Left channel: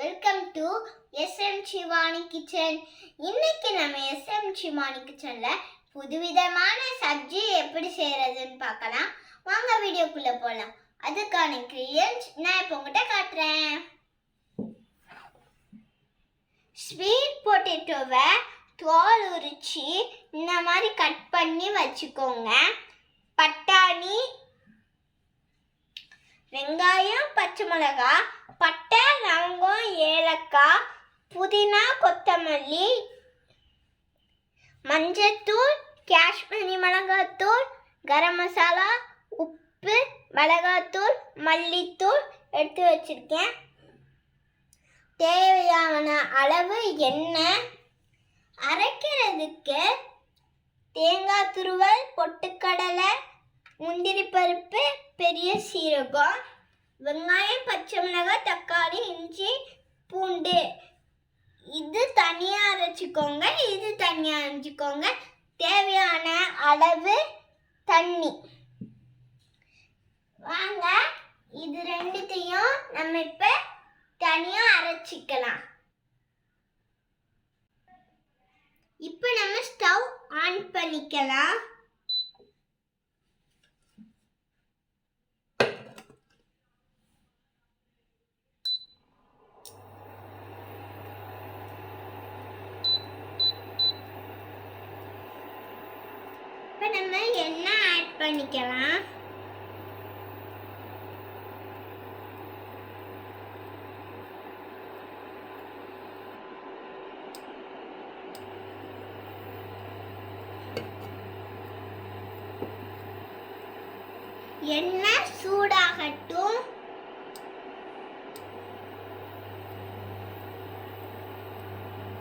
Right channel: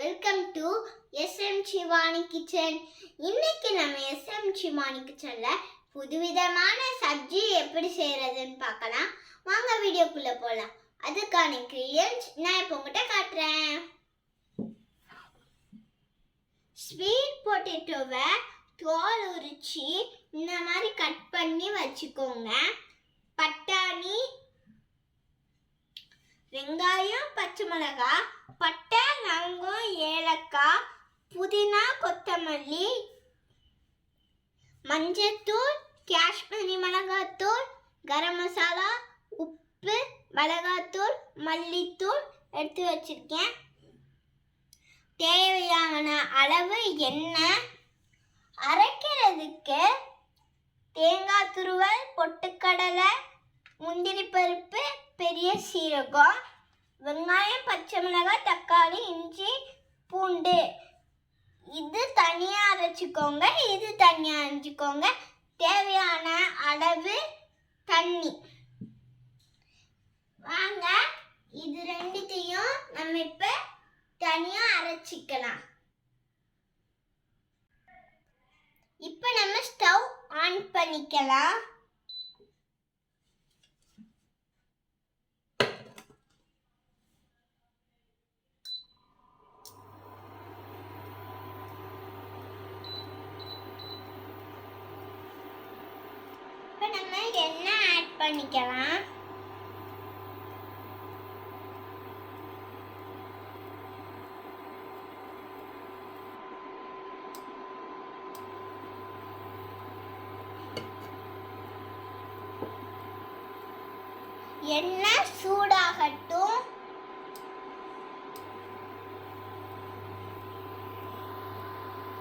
Welcome to SM Shivani kitchen இன்னைக்கு நம்ம SM Shivani கிச்சனில் புதுவிதமான சப்ஜி எப்படி செய்கிறதுன்னு பார்க்கலாம். வாங்க வீடியோக்குள்ளே போகலாம் அதுக்கான இன்க்ரீடியன்ஸ் நான் இப்போ உங்கள்கிட்ட காட்டுறேன். ஸ்வீட் பொட்டேட்டோவை தோல் உரிச்சு இந்த மாதிரி கட் பண்ணி வச்சுக்கோங்க. பட்டாணி வெங்காயம் பச்சை மிளகாய் பட்டை லவங்கம் ஏலக்காய் புதினா கொத்தமல்லி மஞ்சத்தூள் காஷ்மீரி மிளகாத்தூள் கரம் மசாலா உப்பு மிளகாத்தூள் மல்லித்தூள் எடுத்து வச்சுருக்கேன். தேவையான அளவு எண்ணெய் அரைக்கிறதுக்கு தேங்காய் துருவல் பொட்டுக்கடலை முந்திரி பருப்பு பெரிய சீரகம் வெங்காயம் பச்சை மிளகாய் தக்காளி இஞ்சி பூண்டு இது தனியாக அரைச்சிக்கோங்க இது தனியாக அரைச்சிக்கோங்க தேவையான அளவு தண்ணி வாங்க இது ரெண்டுத்தையும் நம்ம இப்போ தனியாக அரைச்சிக்கலாம் இப்போ நம்ம ஸ்டவ் ஆன் பண்ணிக்கலாம் இப்போ நம்ம எண்ணெய் ஆட் பண்ணிக்கலாம். எண்ணெய் சூடாகட்டும்.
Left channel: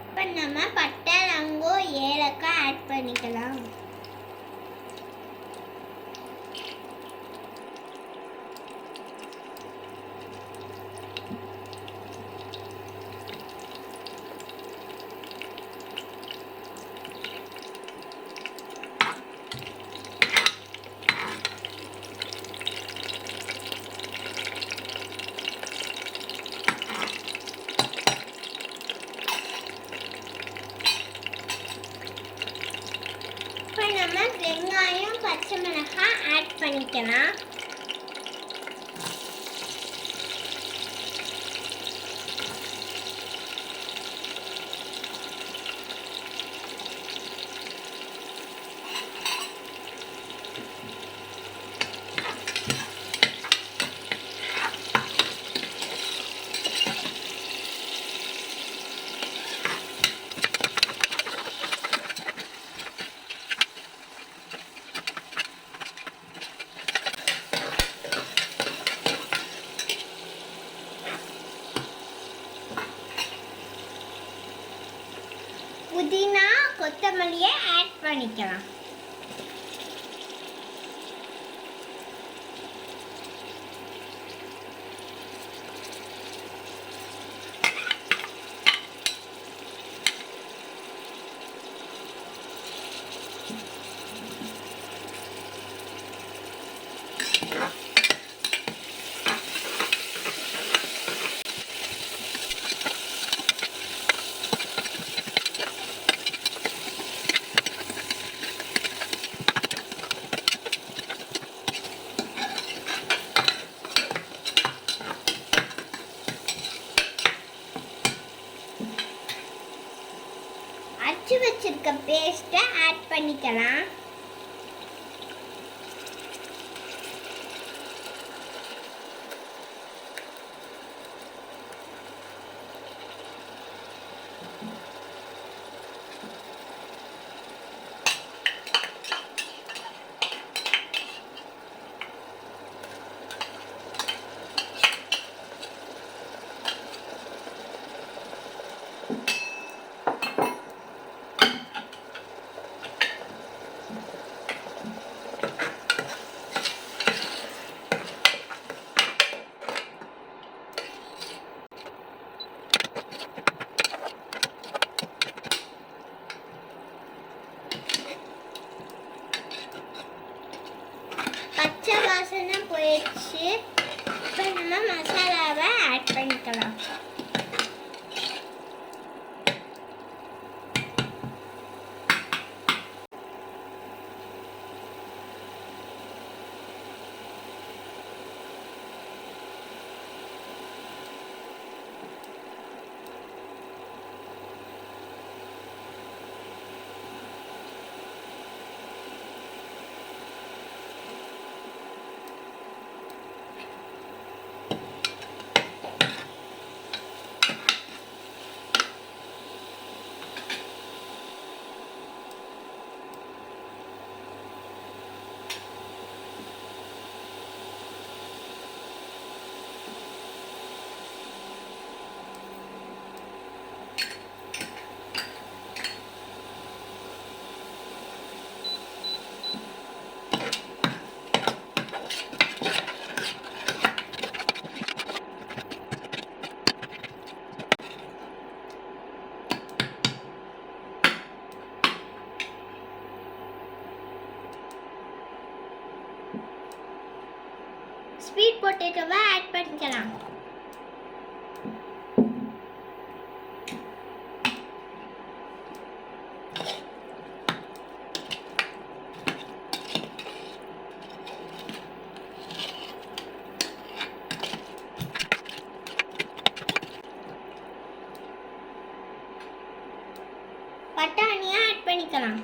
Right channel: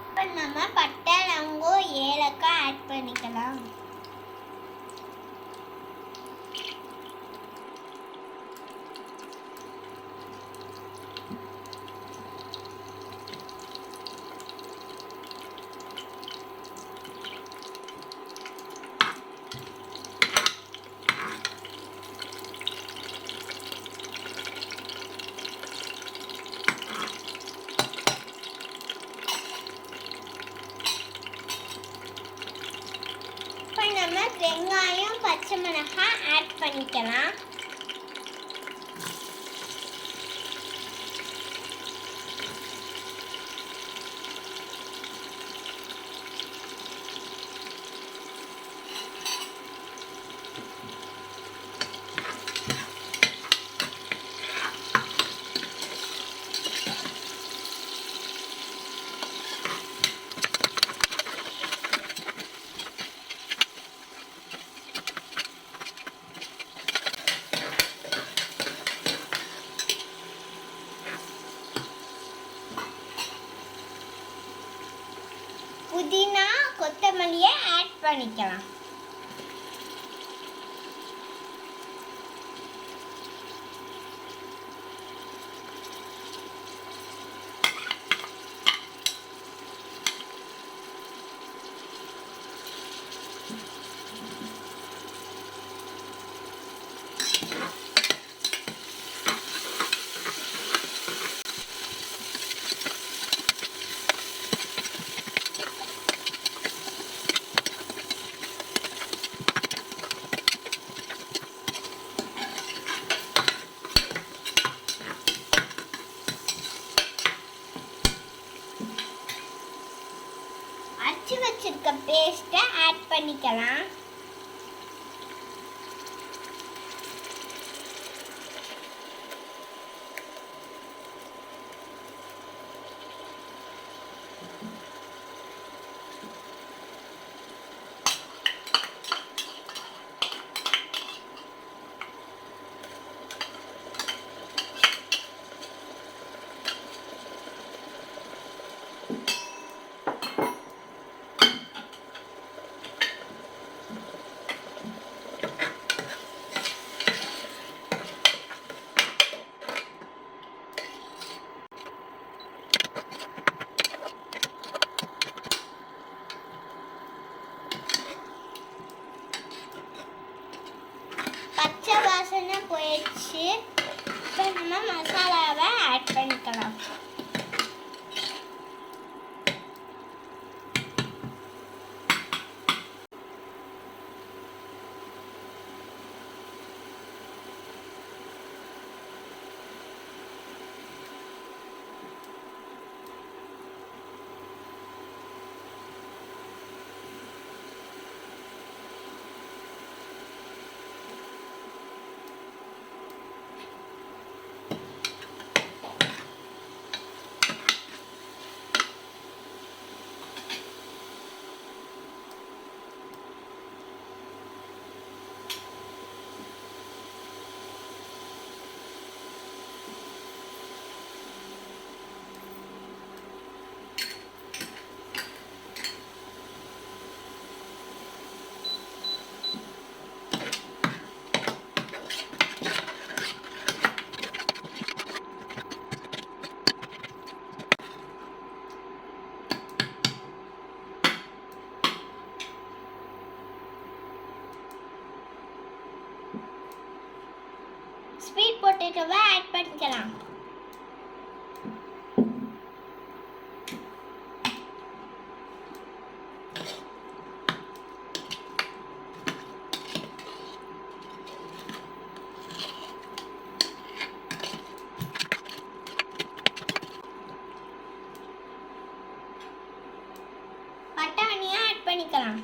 இப்போ நம்ம பட்டை லங்கோ ஏலக்காய் ஆட் பண்ணிக்கலாம். நம்ம வெங்காயம் பச்சை மிளகாய் ஆட் பண்ணிக்கலாம். புதினா கொத்தமல்லியை ஆட் பண்ணிக்கலாம். பண்ணிக்கலாம். பொட்டேட்டோவை ஆட் ஆட் பண்ணிக்கலாம்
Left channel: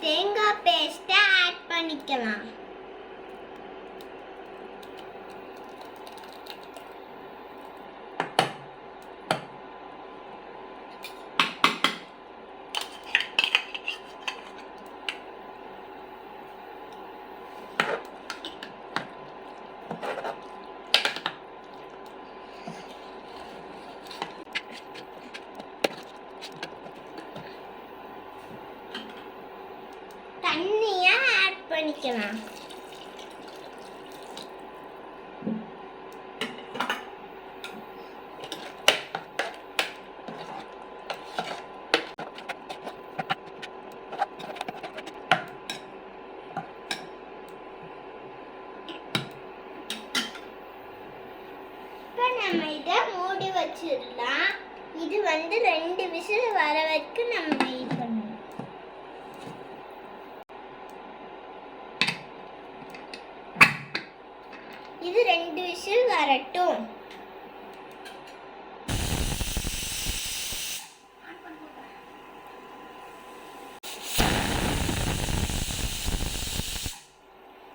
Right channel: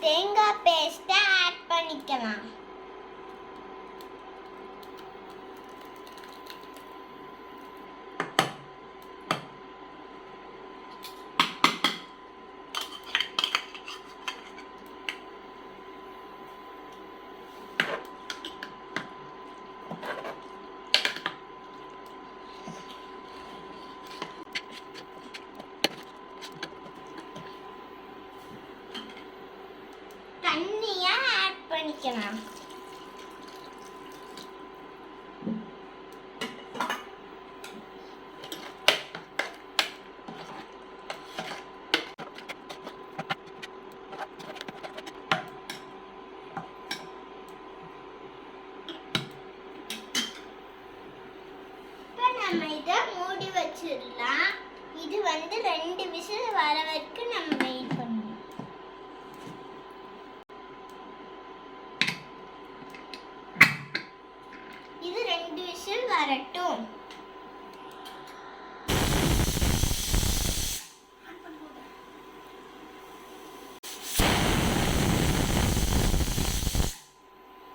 தேங்காய் பேஸ்ட்டை ஆட் பண்ணிக்கலாம் தண்ணியை ஆட் பண்ணிக்கலாம் இப்போ நம்ம இதை மூடி வச்சிடலாம் இது வந்து ரெண்டு விசில் வர வரைக்கும் நம்ம வெயிட் பண்ணணும். இது ரெண்டு விசில் வரட்டும்.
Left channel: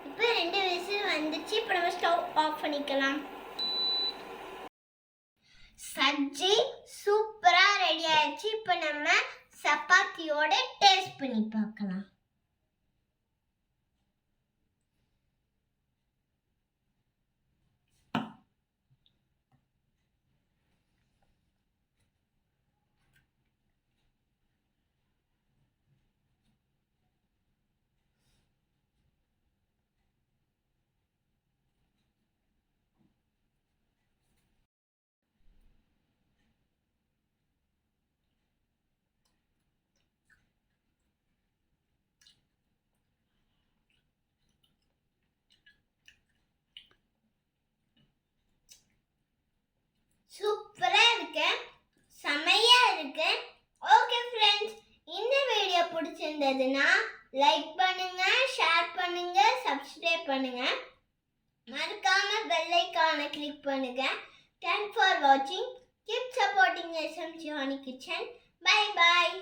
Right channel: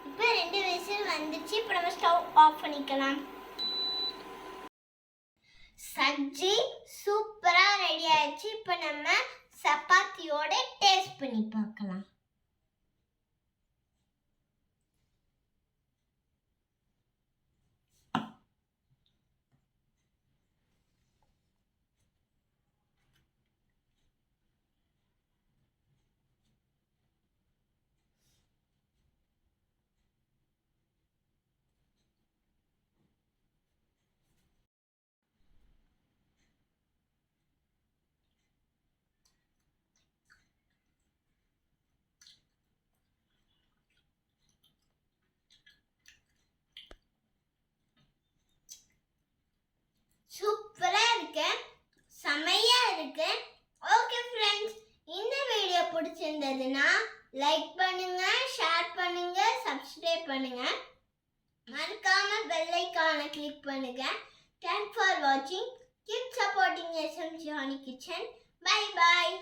இப்போ ரெண்டு விசில் வந்துச்சு. இப்போ நம்ம ஸ்டவ் ஆஃப் பண்ணிக்கலாம். சஜ்ஜி சூப் வச்சு இப்போ நம்ம சப்பாத்தியோட டேஸ்ட் பண்ணி பார்க்கலாம். இருக்கு. ஓகே ஃப்ரெண்ட்ஸ் இந்த வீடியோ பிடிச்சிருந்ததுன்னா லைக் பண்ணுங்க ஷேர் பண்ணுங்க சப்ஸ்கிரைப் பண்ணுங்க. மறக்காம பெல் ஐக்கானை கிளிக் பண்ணுங்க. தேங்க்ஸ் ஃபார் வாட்சிங் keep supporting SM Johnny kitchen bye bye